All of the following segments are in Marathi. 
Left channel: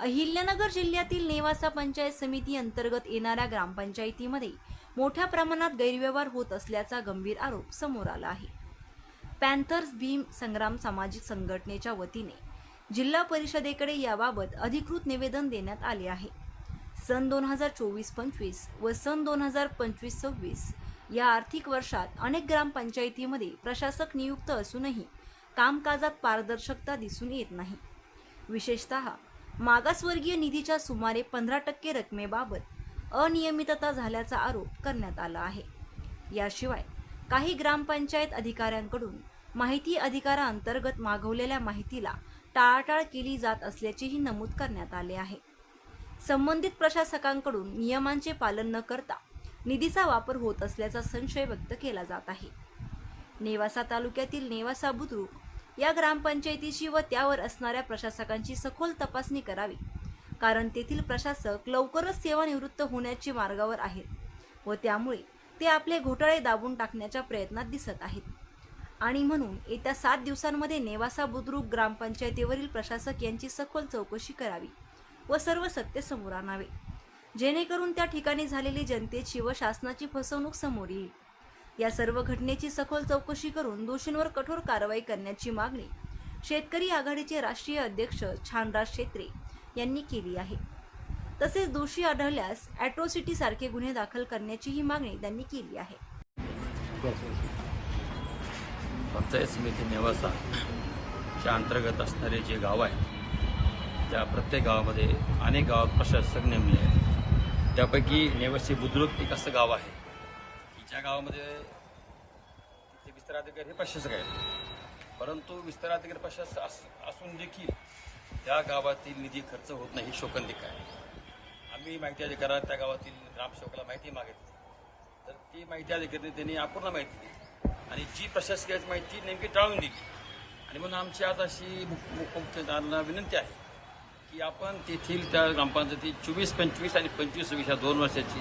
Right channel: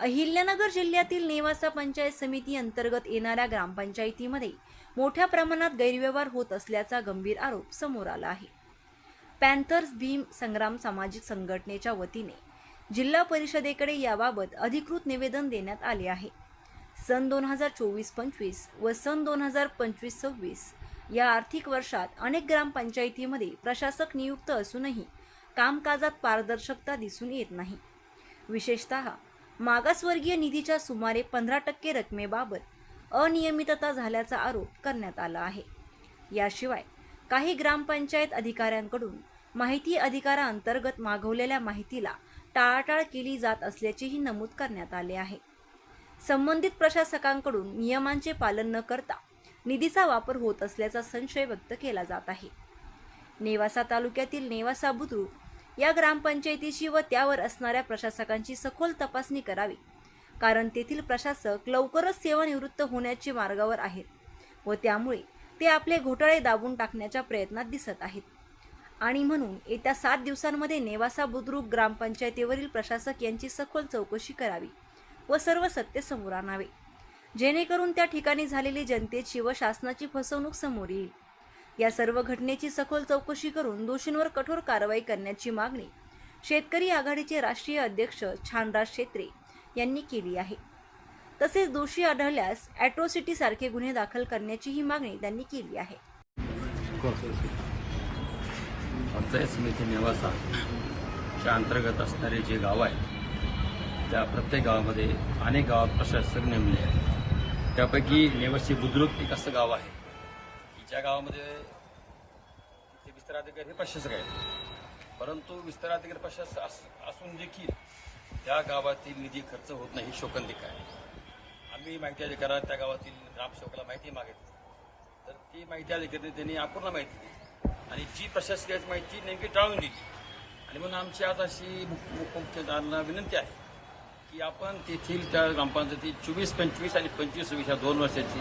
अहिल्यानगर जिल्ह्यातील नेवासा पंचायत समिती अंतर्गत येणाऱ्या ग्रामपंचायतीमध्ये मोठ्या प्रमाणात गैरव्यवहार होत असल्याचा गंभीर आरोप समोर आला आहे। पॅन्थर्स भीम संग्राम सामाजिक संघटनेच्या वतीने जिल्हा परिषदेकडे याबाबत अधिकृत निवेदन देण्यात आले आहे। सन 2024-25 व सन 2025-26 या आर्थिक वर्षात अनेक ग्रामपंचायतीमध्ये प्रशासक नियुक्त असूनही कामकाजात पारदर्शकता दिसून येत नाही। विशेषतः मागासवर्गीय निधीच्या सुमारे 15% रकमेबाबत अनियमितता झाल्याचा आरोप करण्यात आला आहे। याशिवाय काही ग्रामपंचायत अधिकाऱ्यांकडून माहिती अधिकाराअंतर्गत मागवलेल्या माहितीला टाळाटाळ केली जात असल्याचेही नमूद करण्यात आले आहे। संबंधित प्रशासकांकडून नियमांचे पालन न करता निधीचा वापर होत असल्याचा संशय व्यक्त केला जात आहे। नेवासा तालुक्यातील नेवासा बुद्रुक या ग्रामपंचायतीची व त्यावर असणाऱ्या प्रशासकांची सखोल तपासणी करावी, कारण तेथील प्रशासक लवकरच सेवानिवृत्त होण्याच्या मार्गावर आहेत व त्यामुळे ते आपले घोटाळे दाबून टाकण्याच्या प्रयत्नात दिसत आहेत आणि म्हणून येत्या 7 दिवसांमध्ये नेवासा बुद्रुक ग्रामपंचायतीवरील प्रशासक यांची सखोल चौकशी करावी व सर्व सत्य समोर आणावे, जेणेकरून त्या ठिकाणी झालेली जनतेची व शासनाची फसवणूक समोर येईल। या सर्व घटनेची सखोल चौकशी करून दोषींवर कठोर कारवाई करण्याची मागणी शेतकरी आघाडीचे राष्ट्रीय अध्यक्ष छानराज शेत्रे यांनी केली आहे। तसेच दोषी आढळल्यास अॅट्रॉसिटी सारखे गुन्हे दाखल करण्याचीही मागणी त्यांनी केली आहे। पंचायत समिती नेवासाच्या अंतर्गत असणारे जे गाव आहे त्या प्रत्येक गावामध्ये अनेक गावात प्रशासक नेमले आहेत। त्यापैकी नेवासी बुद्रुक एक असं गाव आहे की ज्या गावामध्ये तिथे विस्तार अधिकारी हे प्रशासक आहेत, परंतु विस्तार अधिकारी प्रशासक असून देखील त्या गावातील निधी खर्च होत नाही ही शोकांतिका आहे। आम्ही माहिती अधिकारात त्या गावातील ग्रामसेवकाला माहिती मागितली, तर ती माहिती अधिकारी त्यांनी अपूर्ण माहिती दिली आणि जी प्रशासकीय माहिती नेमकी टाळून दिली। आणि म्हणून आमची आज अशी मुख्यदारांना विनंती आहे की आपण तेथील त्या ग्रामपंचायती 24, 25 आणि 25 या 2 वर्षाची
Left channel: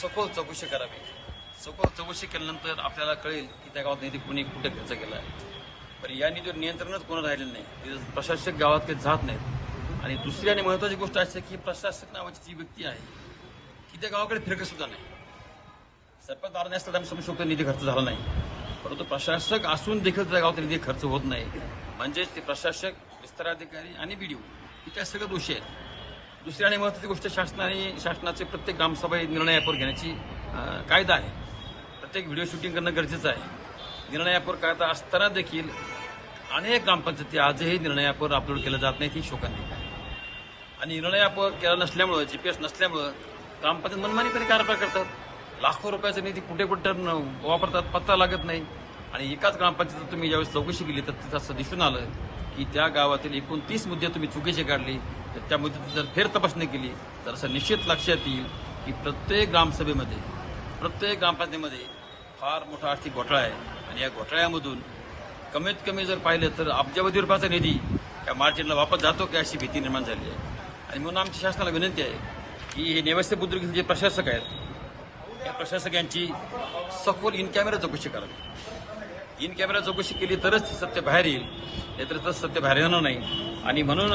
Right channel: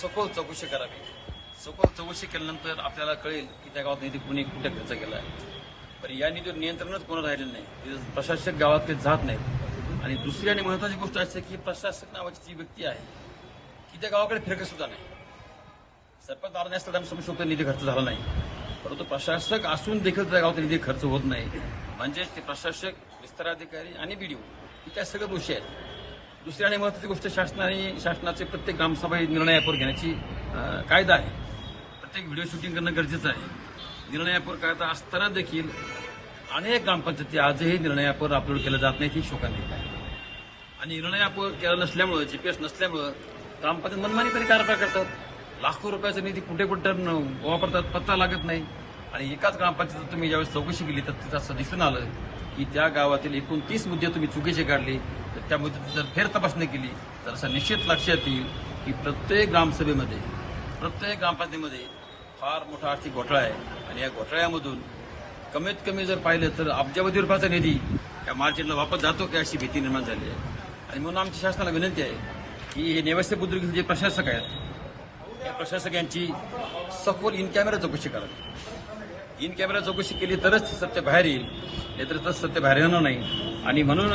सखोल चौकशी करावी। सखोल चौकशी केल्यानंतर आपल्याला कळेल की त्या गावात निधी कुणी कुठे खर्च केला आहे। पण या निधीवर नियंत्रणच कोणा राहिलेलं नाही, प्रशासक गावात काही जात नाहीत। आणि दुसरी आणि महत्त्वाची गोष्ट अशी की प्रशासक नावाची जी व्यक्ती आहे की त्या गावाकडे फिरकत सुद्धा नाही। सरपंच दाराने असताना समजतो निधी खर्च झाला नाही, परंतु प्रशासक असून देखील त्या गावात निधी खर्च होत नाही, म्हणजेच ते प्रशासक, विस्तार अधिकारी आणि बीडीओ हे त्या सगळं दोषी आहेत। दुसरी आणि महत्त्वाची गोष्ट शासनाचे प्रत्येक ग्रामसभा निर्णय ॲपवर घेण्याची कायदा आहे। प्रत्येक व्हिडिओ शूटिंग करणं गरजेचं आहे। निर्णय ॲपवर कायदा असताना देखील अनेक ग्रामपंचायती आजही निर्णय ॲपवर अपलोड केलं जात नाही ही शोकांतिका आहे। आणि निर्णय ॲपवर केला नसल्यामुळं, GPS नसल्यामुळं ग्रामपंचायत मनमानी तरी कारभार करतात। लाखो रुपयाचा निधी कुठे वापरतात पत्ता लागत नाही। आणि एकाच ग्रामपंचायतीत तुम्ही ज्यावेळेस चौकशी केली तर तिथं असं दिसून आलं की त्या गावातील 29 मुद्दे तुम्ही चुकीचे काढले, तर त्या मुद्द्याची जर फेर तपासणी केली तर असं निश्चित लक्षात येईल की प्रत्येक ग्रामसभेमध्ये, प्रत्येक ग्रामपंचायतीमध्ये फार मोठा आर्थिक घोटाळा आहे। आणि या घोटाळ्यामधून कमीत कमी जर पाहिलं तर अब्जावधी रुपयाचा निधी या मार्जिनला वापस जातो की अशी भीती निर्माण झाली आहे। आणि म्हणून आमच्या शासनाला विनंती आहे की हे नेवासी बुद्रुक जे प्रशासक आहेत त्या प्रशासक यांची सखोल इन कॅमेरा चौकशी करावी। इन कॅमेरा चौकशी केली तरच सत्य बाहेर येईल, नाहीतर तर सत्य बाहेर येणार नाही। आणि म्हणून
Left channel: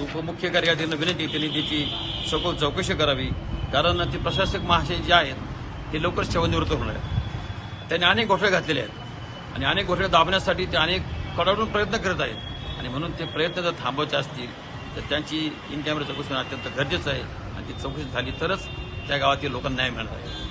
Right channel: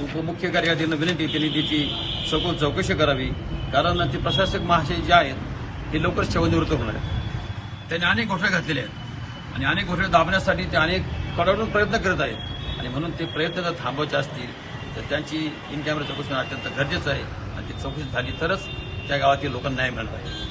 उपमुख्य कार्यकारिणींना विनंती त्यांनी त्याची सखोल चौकशी करावी, कारण ते प्रशासक महाशय जे आहेत ते लवकरच सेवानिवृत्त होणार आहेत। त्यांनी अनेक घोटाळे घातलेले आहेत आणि अनेक घोटाळे दाबण्यासाठी ते अनेक कडाडून प्रयत्न करत आहेत। आणि म्हणून ते प्रयत्न जर थांबवायचे असतील तर त्यांची इन कॅमेरा चौकशी अत्यंत गरजेचं आहे आणि ती चौकशी झाली तरच त्या गावातील लोकांना न्याय मिळणार आहे।